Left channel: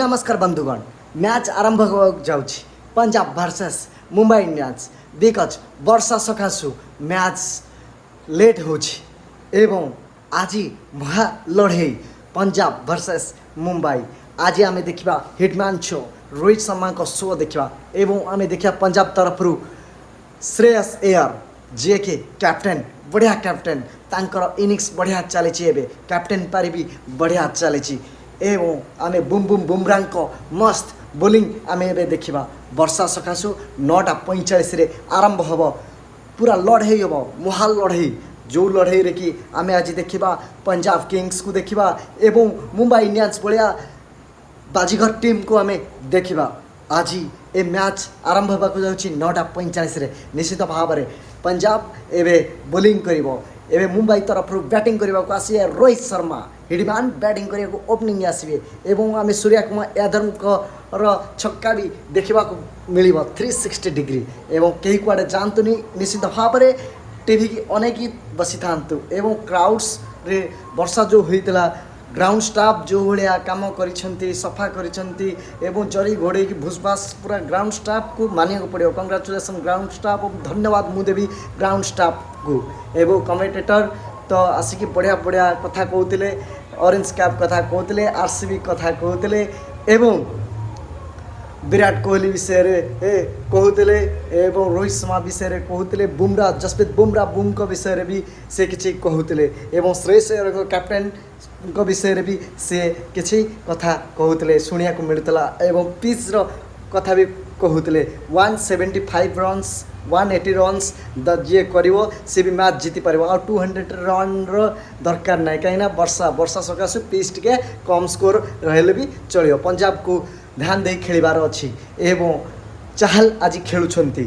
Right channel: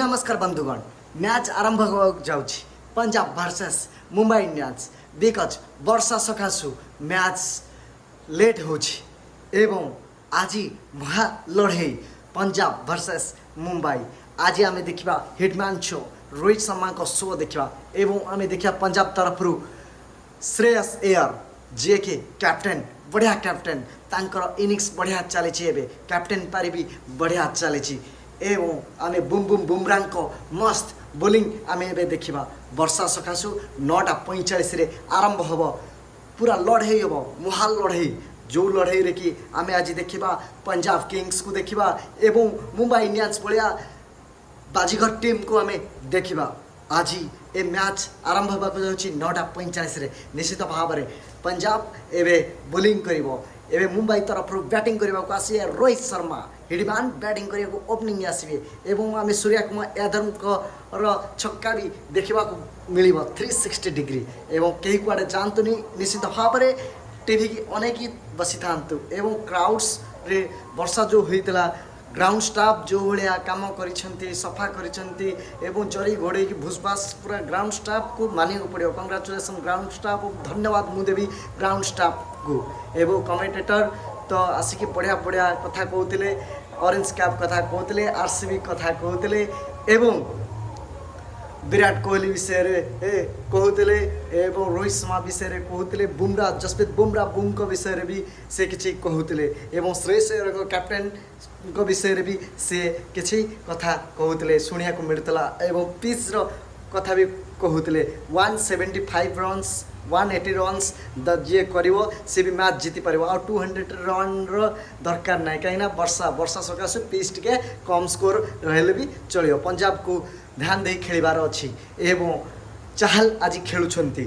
नमस्कार बंधुगण मैच आरंभ जाउछि Punjab versus Mumbai Indians because वर्षा सकाशु मैच लेट होछि एवं आज महा लड़े पंजाब वर्सेस मुंबई। आज आम देखा हिटमैन शो रोहित शर्मा को शो देखा एवं आम देखा पंजाब तरफ श्रेयस अय्यर जे के कैप्टेन बढ़िया कैप्टेन तांकर इनिंग्स बढ़िया चली कैप्टेन पारी भी बढ़िया चली एवं आम बुम बुम बुमराह को मस्त बोलिंग आम ए देखा वर्षा सकाशु 9:45 आरंभ हम पूरा लड़े हम मुहाल लड़े जो लड़े रे कि आम आज देखा पंजाब किंग्स को देखा एवं मुंबई इंडियंस भाया बाजीगर टीम को आम देखा। आज ए मैच आरंभ होगा 9:45 निश्चित भाव में पंजाब एवं बोलिंग कर मुंबई तरफ बैटिंग करने को आसिए रोहित शर्मा हिडमैन बैटिंग करने को ओपनिंग आसवे एवं आम सूर्य कुमार यादव छक्का भी देखा मिल 360 डिग्री एवं कहीं कुआड़े जातुनि निश्चित भाव में टीवी की अनेक बसी था एवं क्राउड्स रे वर्षा जो होता ग्राउंड स्टाफ जो भाया कम कर सफा कर जरी घोड़े की भूसभास पूरा ग्राउंड स्टाफ को मानिया पड़ो कंग्राचुलेसन ग्राउंड स्टाफ धन्यवाद मुदेवी ग्राउंड स्टाफ को एवं कमेंटेटर तो आसिक बढ़िया बढ़िया कथा कहते ऑरेंज कैप कथा कहते आरसीबी कथा कहते एवं विराट कोहली विषय कहते एवं रोहित शर्मा विषय कहते बुमराह जसप्रीत बुमराह बुम को विषय भी से किसी कहते एवं श्रेयस अय्यर को कैप्टेन को विषय भी से किसी कथा कहते शुणा को मिलता एवं पिच कथा भी कहते 175 रन्स 180 रन्स जी कर सी भी मैच जीति पार आ 200 रन दरकार ना कहीं वर्षा वर्षा सकाशे पिच टे कम स्कोर रही भी चलो पंजाब को ध्यान दे खेलिबार अच्छी एवं चाहल आज खेलुंट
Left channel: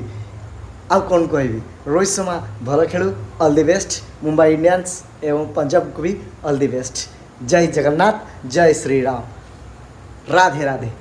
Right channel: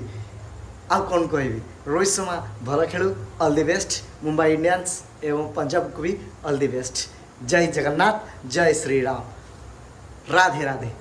आउ कौन कह रोहित शर्मा भल खेलु all the best Mumbai Indians एवं पंजाब को भी ऑल द बेस्ट। जय जगन्नाथ जय श्री राम राधे राधे।